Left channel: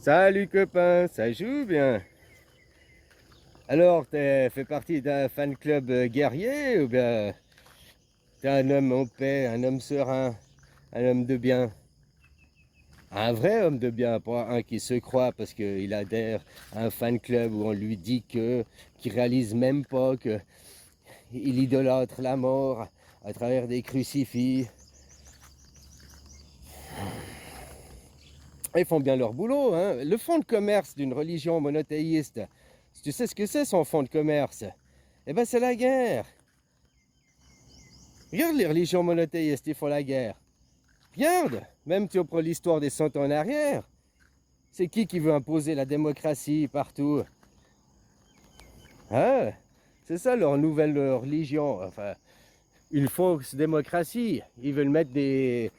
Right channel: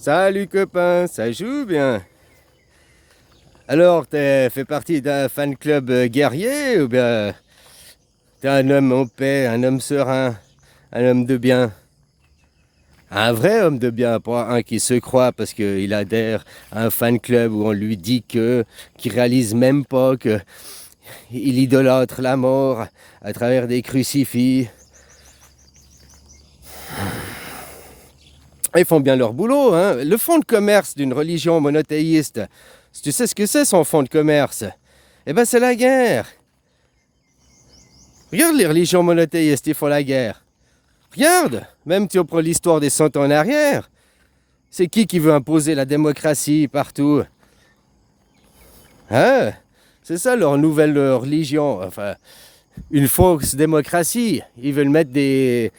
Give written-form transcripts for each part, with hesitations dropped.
Salut copain, ça joue bien? Alors, t'es fait partie d'un fan club guerrier ou bien t'es un homme en paix, un homme serein, un homme de bien? Un vrai homme de bien, pas un qui se croit parce qu'il adhère à un fan club où on lui dit qu'il réalise même pas qu'il idolâtre la mort à travers des crucifix. Ils font bien leur boulot, hein. Le fonds de commerce d'une religion monothéiste, si tu sais ce que c'est son fonds de commerce, eh ben c'est la guerre. Regarde les religions monothéistes, ils font la guerre. Regarde, même si on prend l'histoire des 100 ans en arrière, c'est qui veut imposer la démocratie partout? Hein? C'est ça leur nouvelle religion, enfin, une fausse démocratie. Ils veulent mettre des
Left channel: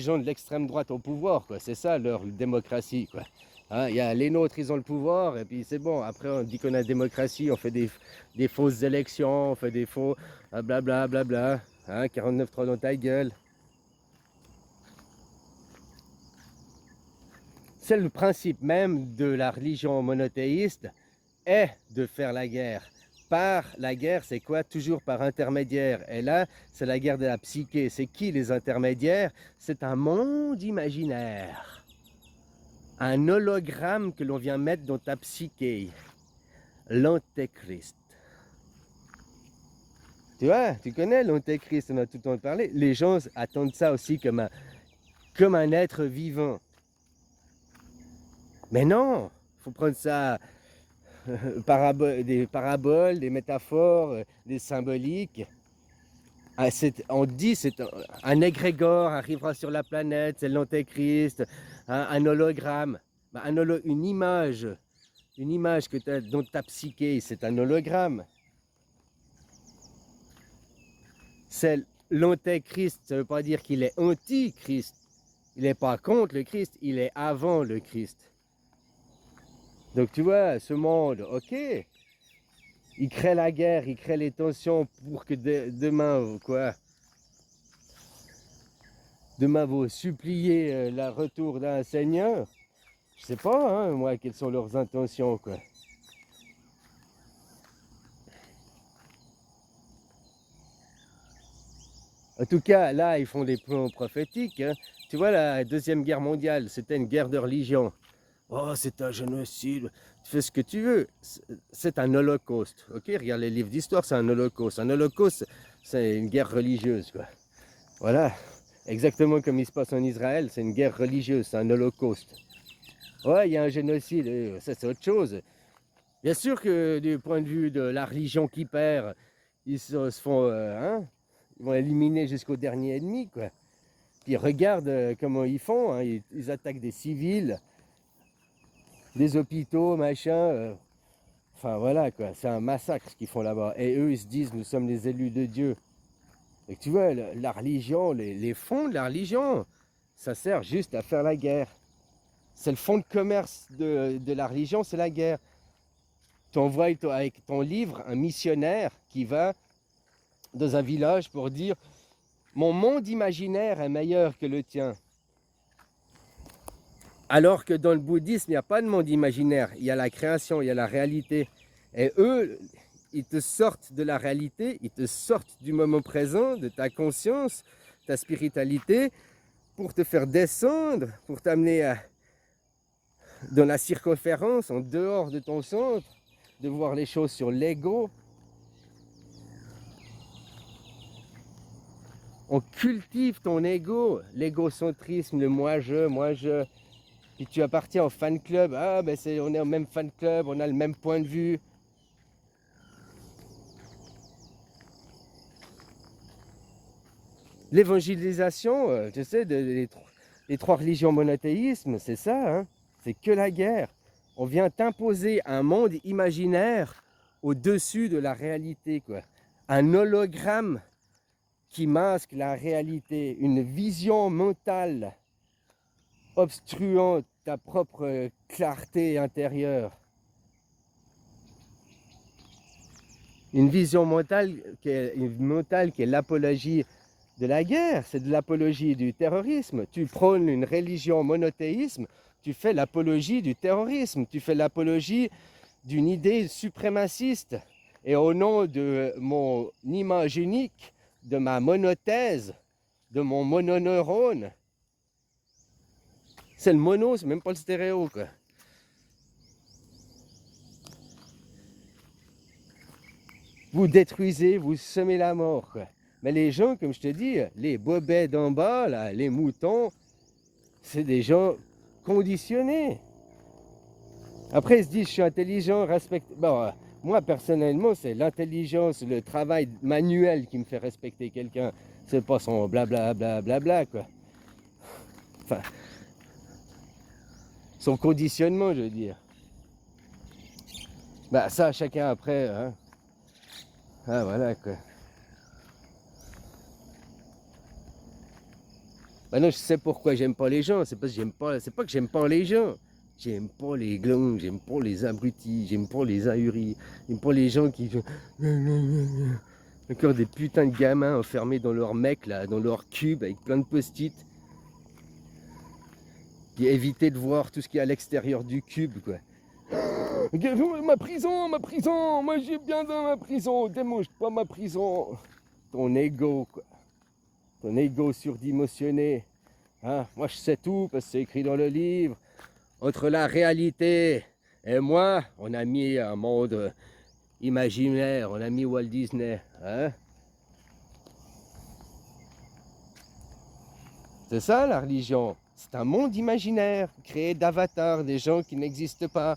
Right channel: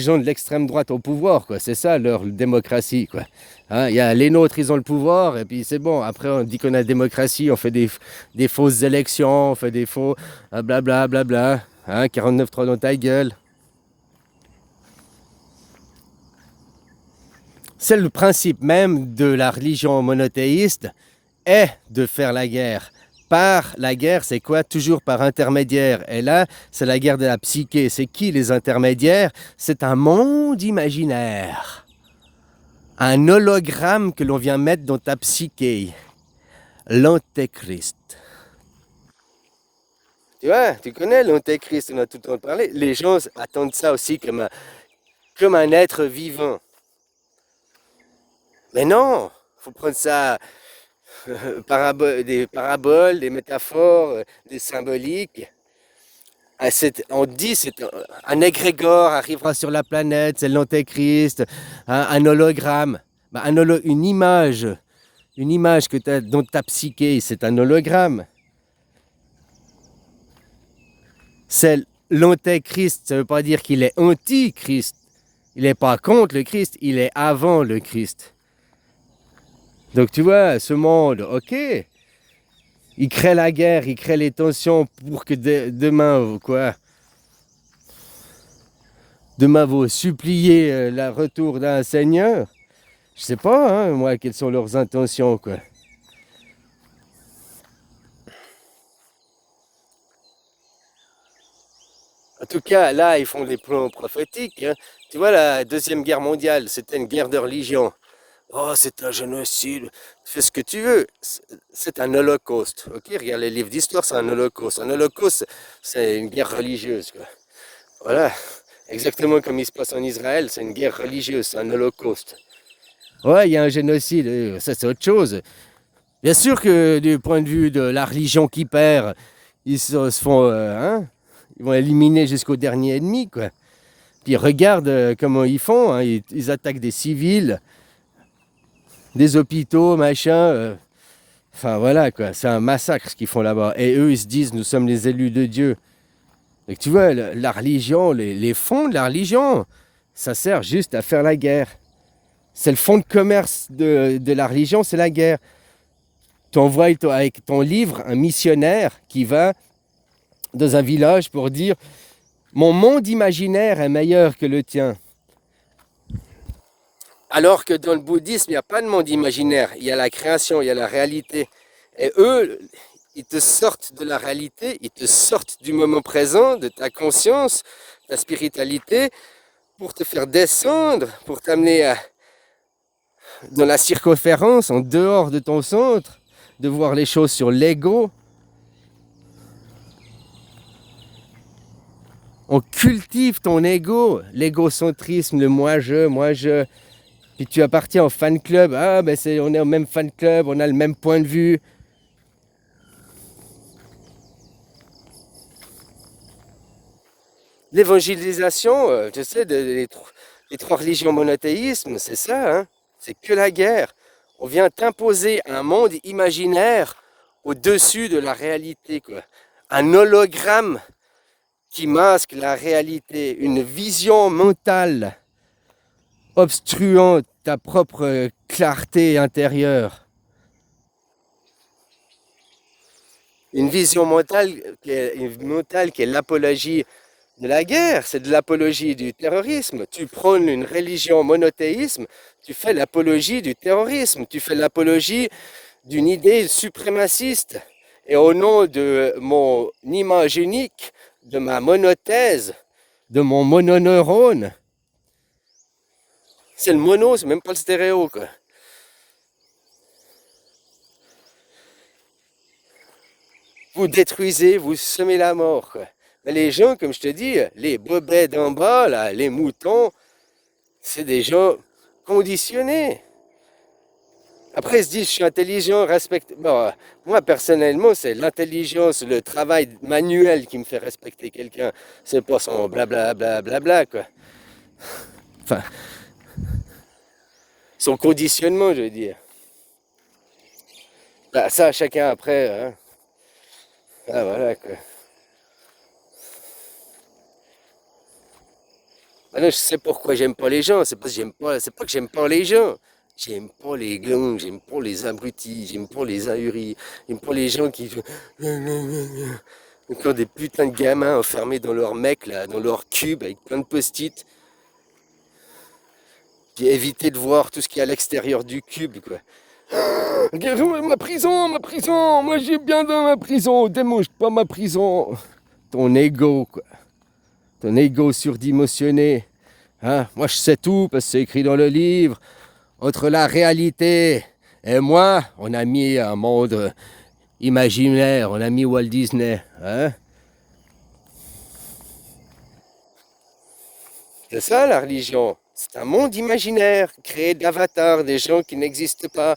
gens de l'extrême droite au pouvoir, quoi. C'est ça leur démocratie, quoi. Hein, y a les nôtres, ils ont le pouvoir, et puis c'est bon. Après, on dit qu'on a la démocratie, on fait des fausses élections, on fait des faux blabla, blabla. Hein, 49-3 dans ta gueule. C'est le principe même de la religion monothéiste, est de faire la guerre. Par la guerre, c'est quoi? Toujours par intermédiaire. Et là, c'est la guerre de la psyché. C'est qui les intermédiaires? C'est un monde imaginaire. Un hologramme que l'on vient mettre dans ta psyché. L'antéchrist. Tu vois, tu connais l'antéchrist, on a tout le temps parlé. Les gens attendent ça aussi comme un être vivant. Mais non, il faut prendre ça des paraboles, des métaphores, des symboliques. Ah, on dit c'est un égrégore arrivera sur la planète, c'est l'antéchrist, un hologramme, bah, une image que as dans ta psyché, c'est un hologramme. C'est l'antéchrist, ça ne veut pas dire qu'il est anti-Christ. Il n'est pas contre le Christ, il est avant le Christ. Donc tu vois, ce monde, ok, il crée la guerre, il crée les tensions pour que demain, quoi, demain vous suppliez le retour d'un seigneur. Je sais pas, hein, moi, quelles sont leurs intentions, quoi. En tout cas, là, ils font des plans prophétiques, hein. Tu vois, la Deuxième Guerre mondiale, c'était une guerre de religion. Oh, c'est un génocide. Fais ce que tu veux. C'est un holocauste. Ok, regarde les livres d'histoire, c'est un holocauste. Un holocauste, c'est une guerre religieuse, quoi. Voilà. Exactement comme il se passe en Israël, c'est une guerre religieuse, c'est un holocauste. Ouais, il y a un génocide, ça c'est autre chose. Bien sûr que du point de vue de la religion qui perd, ils se font, hein, ils vont éliminer jusqu'au dernier ennemi, quoi. Puis regarde comment ils font, hein, ils attaquent des civils, des hôpitaux, machin. Enfin voilà, quoi, c'est un massacre ce qu'ils font là-bas. Et eux, ils se disent, nous sommes les élus de Dieu. Donc tu vois, la religion, les fonds de la religion, ça sert juste à faire la guerre. C'est le fonds de commerce de la religion, c'est la guerre. Tu envoies avec ton livre un missionnaire qui va dans un village pour dire mon monde imaginaire est meilleur que le tien. Alors que dans le bouddhisme, il n'y a pas de monde imaginaire. Il y a la création, il y a la réalité. Et eux, ils te sortent de la réalité, ils te sortent du moment présent, de ta conscience, ta spiritualité, pour te faire descendre, pour t'amener dans la circonférence, en dehors de ton centre, de voir les choses sur l'ego. On cultive ton ego, l'égocentrisme, le moi-je. Puis tu appartiens au fan club. Ah, ben on est au même fan club, on a le même point de vue. L'évangélisation, tu sais, les trois religions monothéismes, c'est ça, hein? C'est que la guerre. On vient t'imposer un monde imaginaire au-dessus de la réalité, quoi. Un hologramme qui masque la réalité, une vision mentale obstruant ta propre clarté intérieure. Une vision mentale qui est l'apologie de la guerre, c'est de l'apologie du terrorisme. Tu prônes une religion monothéisme, tu fais l'apologie du terrorisme, tu fais l'apologie d'une idée suprémaciste. Et au nom de mon image unique, de ma monothèse, de mon mononeurone, c'est le mono, c'est même pas le stéréo, quoi. Vous détruisez, vous semez la mort, quoi. Mais les gens, comme je te dis, les bobets d'en bas, là, les moutons, c'est des gens conditionnés. Après, ils se disent, je suis intelligent, respecte. Bon, moi, personnellement, c'est l'intelligence, le travail manuel qui me fait respecter quelqu'un. C'est pas son blablabla, quoi. Enfin, son conditionnement, je veux dire. Bah, ça, chacun après, hein. Ah, voilà, quoi. Bah là, je sais pourquoi j'aime pas les gens. C'est parce que j'aime pas. C'est pas que j'aime pas les gens. J'aime pas les gangs, j'aime pas les abrutis, j'aime pas les ahuris, j'aime pas les gens qui encore des putains de gamins enfermés dans leur mec là, dans leur cube avec plein de post-it. Puis éviter de voir tout ce qui est à l'extérieur du cube, quoi. Ma prison, moi j'ai bien dans ma prison, démonte pas ma prison. Ton ego, quoi. Ton ego surdimensionné. Hein? Moi je sais tout parce que c'est écrit dans le livre. Entre la réalité et moi, on a mis un monde imaginaire, on a mis Walt Disney. Hein? C'est ça la religion. C'est un monde imaginaire, créé d'avatars, des gens qui n'existent pas.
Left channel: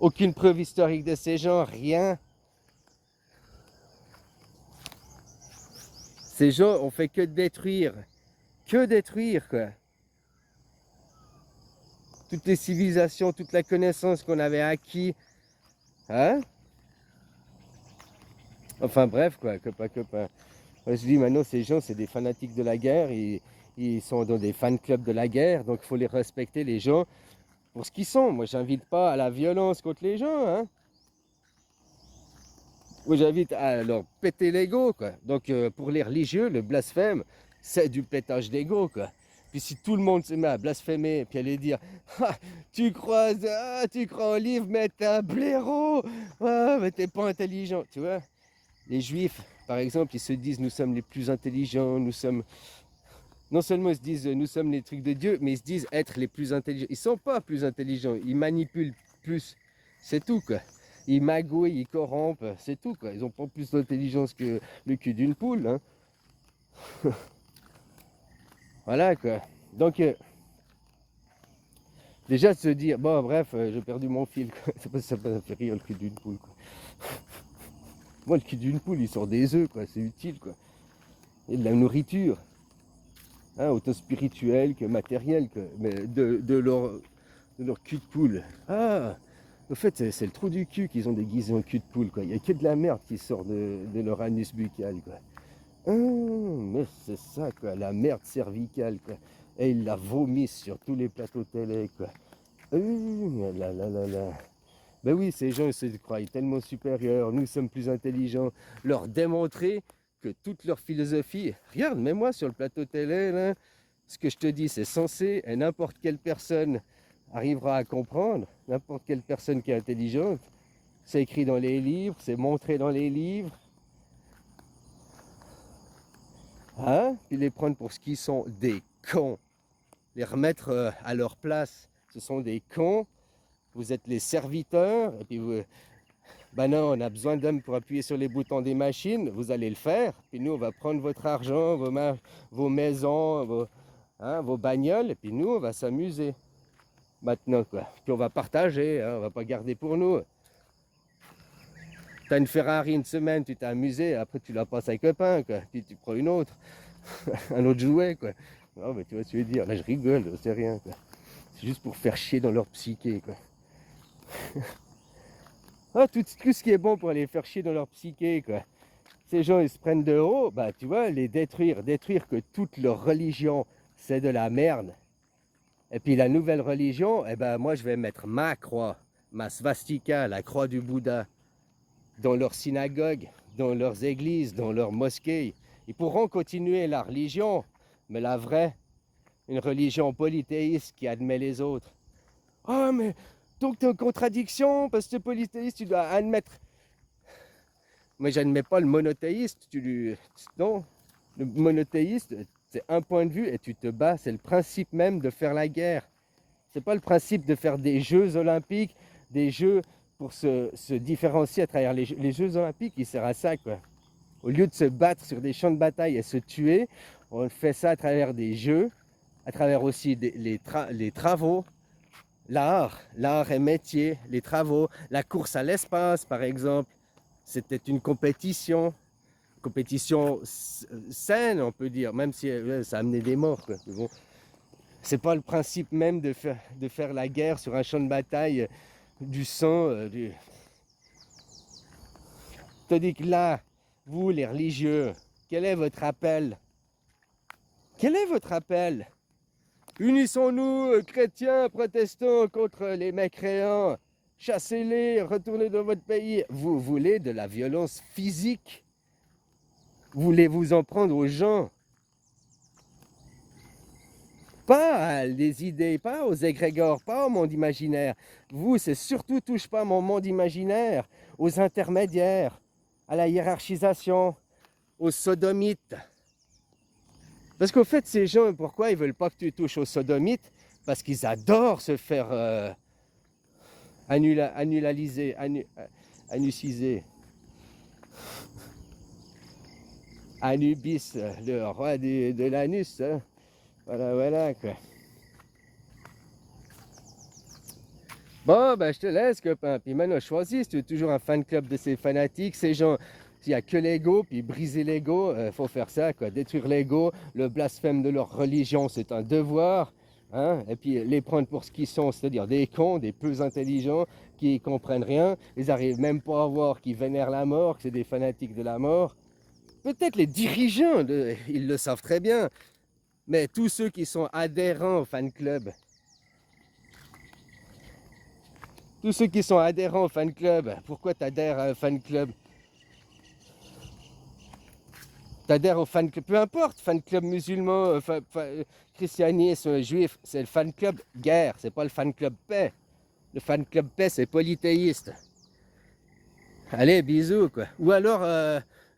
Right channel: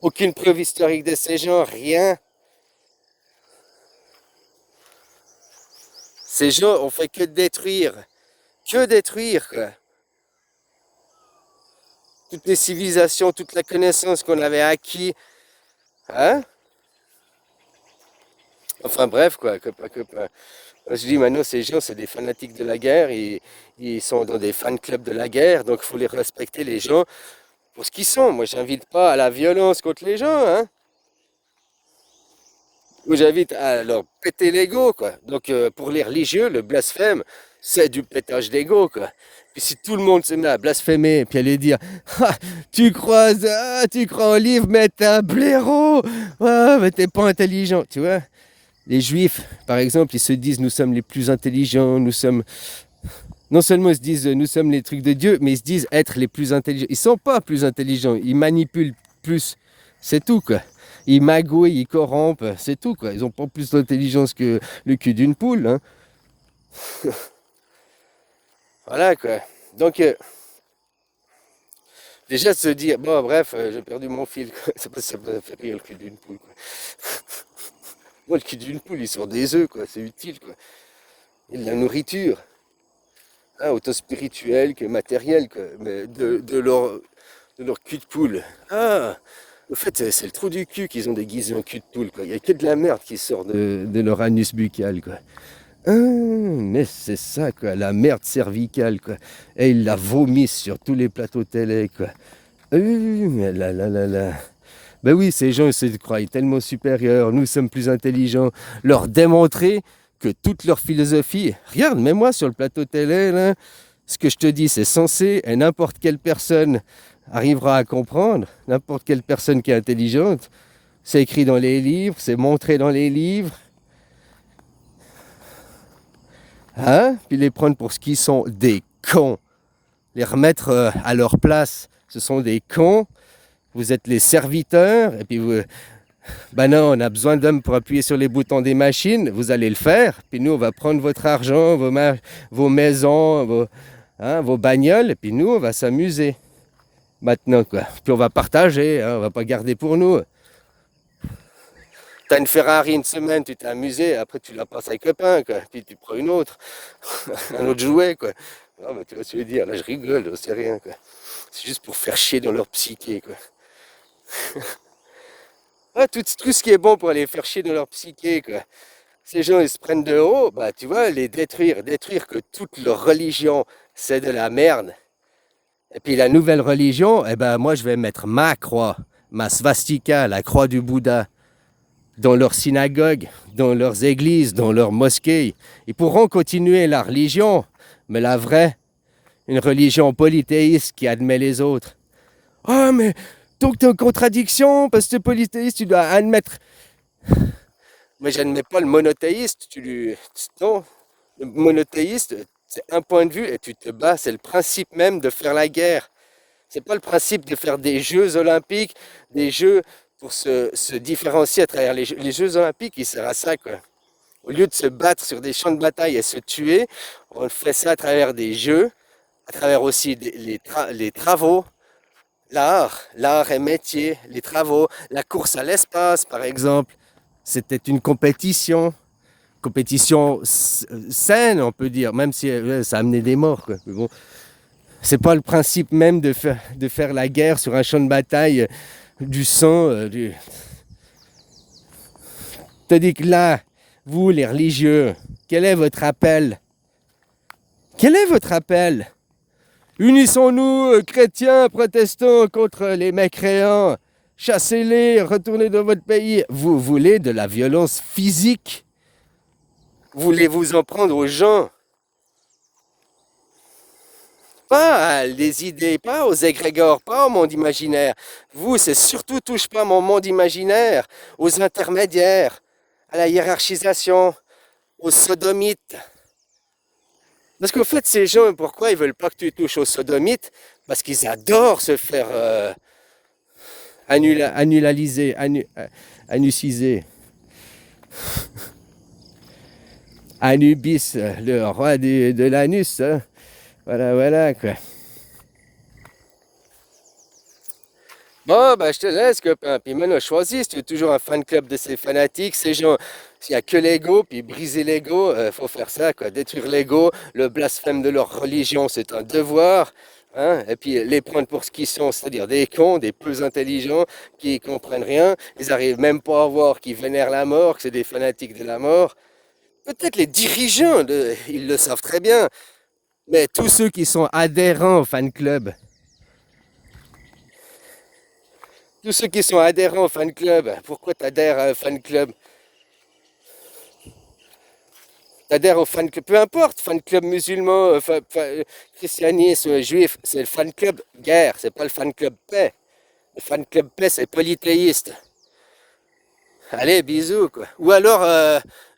Aucune preuve historique de ces gens, rien. Ces gens ont fait que détruire. Que détruire, quoi. Toutes les civilisations, toute la connaissance qu'on avait acquis. Hein? Enfin bref, quoi, copain. Je dis maintenant, ces gens, c'est des fanatiques de la guerre, ils sont dans des fan clubs de la guerre, donc il faut les respecter, les gens, pour ce qu'ils sont. Moi, j'invite pas à la violence contre les gens, hein. Moi, j'invite à leur péter l'ego, quoi. Donc, pour les religieux, le blasphème, c'est du pétage d'ego, quoi. Puis si tout le monde se met à blasphémer, puis aller dire, ah, tu crois au livre, mais t'es un blaireau, ah, mais t'es pas intelligent, tu vois. Les juifs, par exemple, ils se disent nous sommes les plus intelligents, nous sommes. Non seulement ils se disent nous sommes les trucs de Dieu, mais ils se disent être les plus intelligents. Ils sont pas plus intelligents, ils manipulent plus. C'est tout, quoi. Ils magouillent, ils corrompent, c'est tout, quoi. Ils n'ont pas plus d'intelligence que le cul d'une poule, hein. Voilà, quoi. Donc, déjà de se dire, bon, bref, j'ai perdu mon fil, quoi. Ça me fait rire le cul d'une poule, quoi. Moi, le cul d'une poule, il sort des œufs, quoi. C'est utile, quoi. Il y a de la nourriture. Hein, autant spirituelle que matérielle, quoi. Mais de leur cul de poule. Ah, au fait, c'est le trou du cul qu'ils ont déguisé en cul de poule, quoi. Il n'y a que de la merde qui sort de leur anus buccal, quoi. Ah, mais c'est ça, quoi, la merde cervicale, quoi. Et ils la vomissent sur tous les plateaux télé, quoi. Mais là. Ben oui, ces gens ils se croient tellement supérieurs, nous sommes plus intelligents. Leur démontrer que toute leur philosophie, regarde, mets-moi sur le plateau télé, là, ce que je te dis, c'est censé, et n'importe quelle personne arrivera à comprendre, n'importe quelle personne qui est intelligente, c'est écrit dans les livres, c'est montré dans les livres, hein? Puis les prendre pour ce qu'ils sont, des cons, les remettre à leur place, ce sont des cons, vous êtes les serviteurs, et puis vous, ben non, on a besoin d'hommes pour appuyer sur les boutons des machines, vous allez le faire, puis nous on va prendre votre argent, vos maisons, vos bagnoles, et puis nous on va s'amuser. Maintenant, quoi. Puis on va partager, hein, on va pas garder pour nous. T'as une Ferrari une semaine, tu t'es amusé, après tu la passes à un copain, quoi. Puis tu prends une autre, un autre jouet, quoi. Non, mais tu vas se dire, là je rigole, c'est rien, quoi. C'est juste pour faire chier dans leur psyché, quoi. Ouais, tout ce qui est bon pour aller faire chier dans leur psyché, quoi. Ces gens, ils se prennent de haut, bah tu vois, les détruire que toute leur religion, c'est de la merde. Et puis la nouvelle religion, eh ben moi je vais mettre ma croix, ma svastika, la croix du Bouddha. dans leurs synagogues, dans leurs églises, dans leurs mosquées. Ils pourront continuer la religion, mais la vraie, une religion polythéiste qui admet les autres. Ah, mais donc tu es en contradiction, parce que tu es polythéiste, tu dois admettre. Mais j'admets pas le monothéiste. Non, le monothéiste, c'est un point de vue et tu te bats. C'est le principe même de faire la guerre. C'est pas le principe de faire des Jeux olympiques, des jeux pour se différencier à travers les Jeux olympiques. Il sert à ça, quoi. Au lieu de se battre sur des champs de bataille et se tuer, on fait ça à travers des jeux, à travers aussi les travaux, l'art et métier, les travaux, la course à l'espace, par exemple. C'était une compétition saine, on peut dire, même si ça amenait des morts, quoi. Mais bon, c'est pas le principe même de faire la guerre sur un champ de bataille, du sang. Tandis que là, vous, les religieux, quel est votre appel? Quel est votre appel? Unissons-nous, chrétiens, protestants, contre les mécréants. Chassez-les, retournez dans votre pays. Vous voulez de la violence physique? Voulez-vous en prendre aux gens? Pas les idées, pas aux égrégores, pas au monde imaginaire. Vous, c'est surtout touche pas à mon monde imaginaire, aux intermédiaires, à la hiérarchisation, aux sodomites. Parce qu'au fait, ces gens, pourquoi ils veulent pas que tu touches aux sodomites? Parce qu'ils adorent se faire annulaliser, anusiser. Anubis, le roi de l'anus. Hein. Voilà, voilà, quoi. Bon, ben, je te laisse, copain. Puis maintenant, choisis si tu es toujours un fan club de ces fanatiques, ces gens. S'il n'y a que l'ego, puis briser l'ego, faut faire ça, quoi. Détruire l'ego, le blasphème de leur religion, c'est un devoir. Hein. Et puis les prendre pour ce qu'ils sont, c'est-à-dire des cons, des peu intelligents, qui ne comprennent rien. Ils n'arrivent même pas à voir qu'ils vénèrent la mort, que c'est des fanatiques de la mort. Peut-être les dirigeants, ils le savent très bien. Mais tous ceux qui sont adhérents au fan club, tous ceux qui sont adhérents au fan club, pourquoi tu adhères à un fan club? Tu adhères au fan club, peu importe, fan club musulman, christianisme, juif, c'est le fan club guerre, c'est pas le fan club paix. Le fan club paix, c'est polythéiste. Allez, bisous, quoi. Ou alors,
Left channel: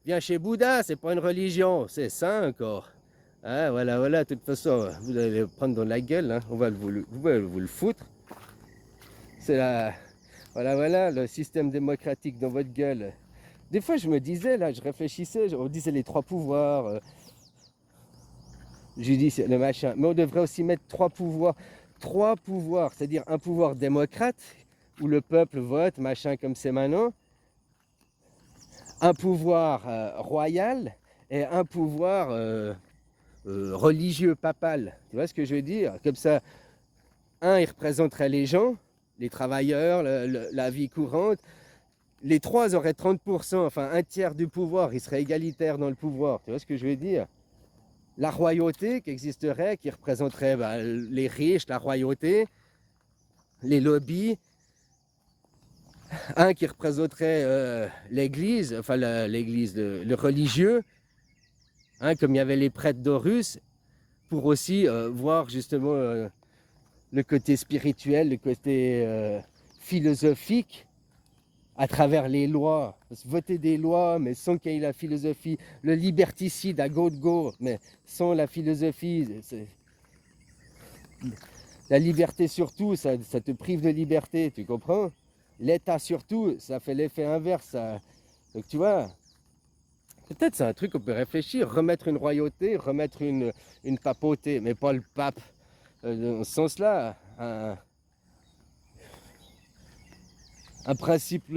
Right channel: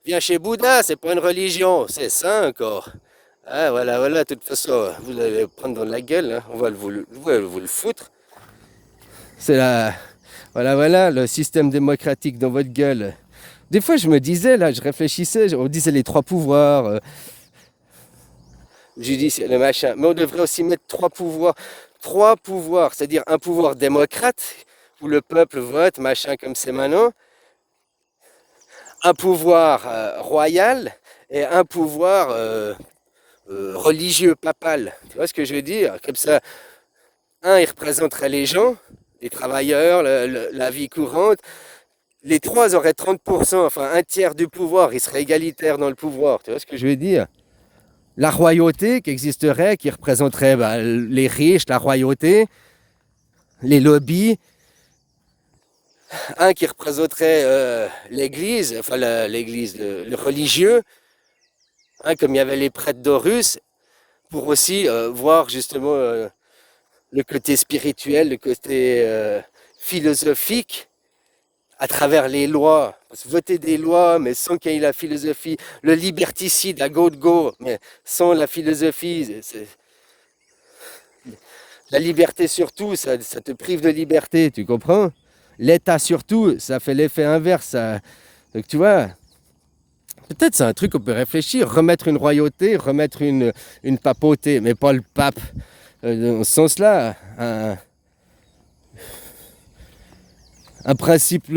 viens chez Bouddha, c'est pas une religion, c'est ça encore. Ah, voilà, voilà, de toute façon, vous allez le prendre dans la gueule, hein. On va vous le foutre. C'est la... Voilà, voilà, le système démocratique dans votre gueule. Des fois, je me disais, là, je réfléchissais, on disait les trois pouvoirs, judiciaire, le machin. Mais on devrait aussi mettre trois pouvoirs, c'est-à-dire un pouvoir démocrate, où le peuple vote, machin, comme c'est maintenant, un pouvoir royal et un pouvoir religieux, papal. Tu vois ce que je veux dire? Comme ça, un, il représenterait les gens, les travailleurs, la vie courante. Les trois auraient 30%, enfin un tiers du pouvoir, ils seraient égalitaires dans le pouvoir. Tu vois ce que je veux dire? La royauté qui existerait, qui représenterait les riches, la royauté, les lobbies. Un qui représenterait l'église, enfin l'église, le religieux, hein, comme il y avait les prêtres d'Horus, pour aussi voir justement le côté spirituel, le côté philosophique à travers les lois. Parce que voter des lois, mais sans qu'il y ait la philosophie, le liberticide à go, mais sans la philosophie, la liberté surtout, ça te prive de liberté, tu comprends? L'État surtout, ça fait l'effet inverse. Donc tu vois, peut-être c'est un truc qu'on peut réfléchir, remettre une royauté, remettre une papauté, mais pas le pape dans ce sens-là. Un principe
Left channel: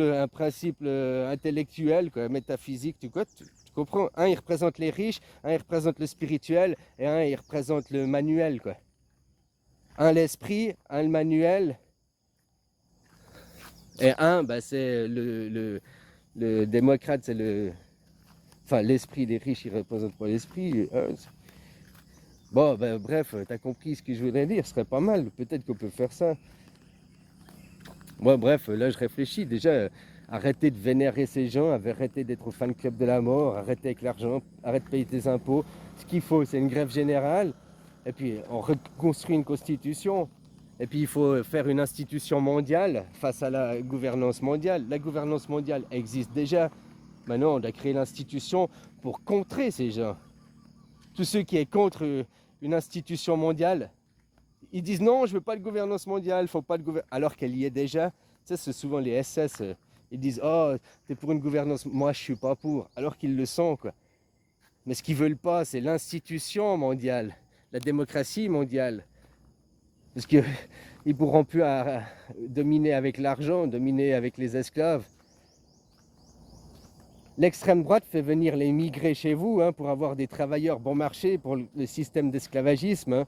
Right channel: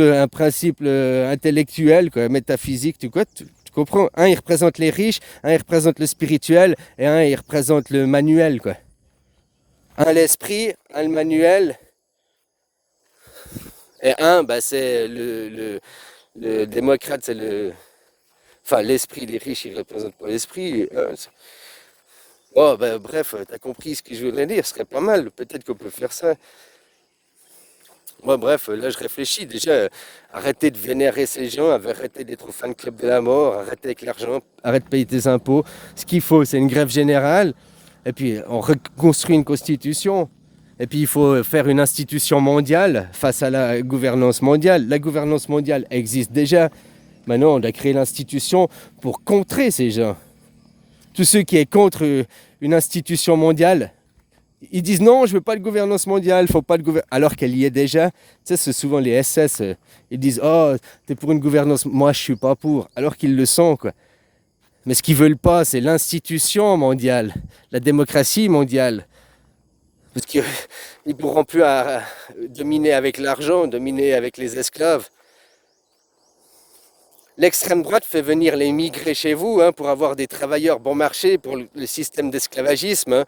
intellectuel, quoi, métaphysique, tu comprends? Un, il représente les riches, un, il représente le spirituel, et un, il représente le manuel, quoi. Un, l'esprit, un, le manuel, et un, bah, c'est le démocrate, c'est le... Enfin, l'esprit, les riches, ils représentent pas l'esprit. Bon, ben, bref, t'as compris ce que je voudrais dire, ce serait pas mal, peut-être qu'on peut faire ça. Moi, bref, là, je réfléchis. Déjà, arrêtez de vénérer ces gens, arrêtez d'être au fan club de la mort, arrêtez avec l'argent, arrête de payer tes impôts. Ce qu'il faut, c'est une grève générale. Et puis, on reconstruit une constitution. Et puis, il faut faire une institution mondiale face à la gouvernance mondiale. La gouvernance mondiale existe déjà. Maintenant, on doit créer l'institution pour contrer ces gens. Tous ceux qui sont contre une institution mondiale, ils disent non, je veux pas de gouvernance mondiale, faut pas de alors qu'elle y est déjà. Tu sais, c'est souvent les SS. Ils disent oh, t'es pour une gouvernance, moi je suis pas pour, alors qu'ils le sont quoi. Mais ce qu'ils veulent pas, c'est l'institution mondiale, la démocratie mondiale, parce qu'ils ne pourront plus dominer avec l'argent, dominer avec les esclaves. L'extrême droite fait venir les migrés chez vous pour avoir des travailleurs bon marché pour le système d'esclavagisme.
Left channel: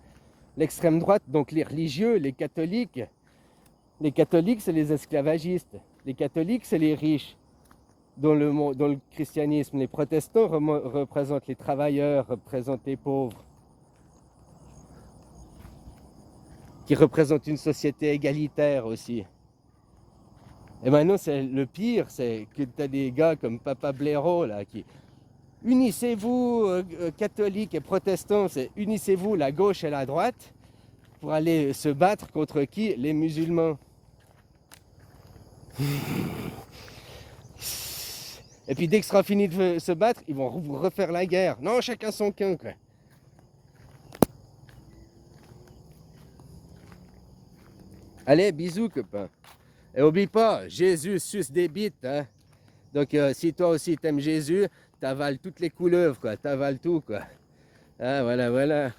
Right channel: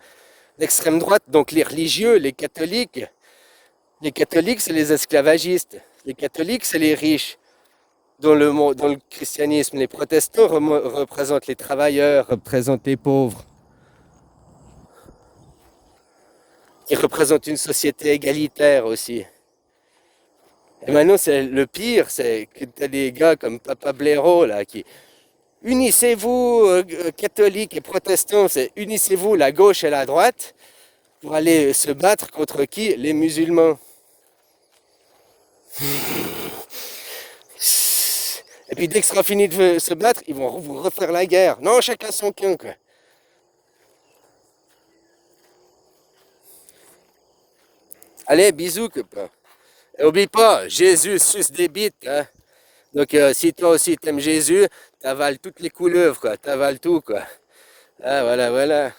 L'extrême droite, donc les religieux, les catholiques. Les catholiques, c'est les esclavagistes. Les catholiques, c'est les riches. Dans le christianisme, les protestants représentent les travailleurs, représentent les pauvres. Qui représentent une société égalitaire aussi. Et maintenant, c'est le pire, c'est que tu as des gars comme Papa Blaireau, là, qui... Unissez-vous, catholiques et protestants, c'est unissez-vous la gauche et la droite pour aller se battre contre qui? Les musulmans. Et puis dès que sera fini de se battre, ils vont vous refaire la guerre. Non, chacun son camp, quoi. Allez, bisous, copain. Et oublie pas, Jésus suce des bites, hein. Donc si toi aussi t'aimes Jésus, t'avales toutes les couleuvres, quoi. T'avales tout, quoi. Ah, voilà, voilà.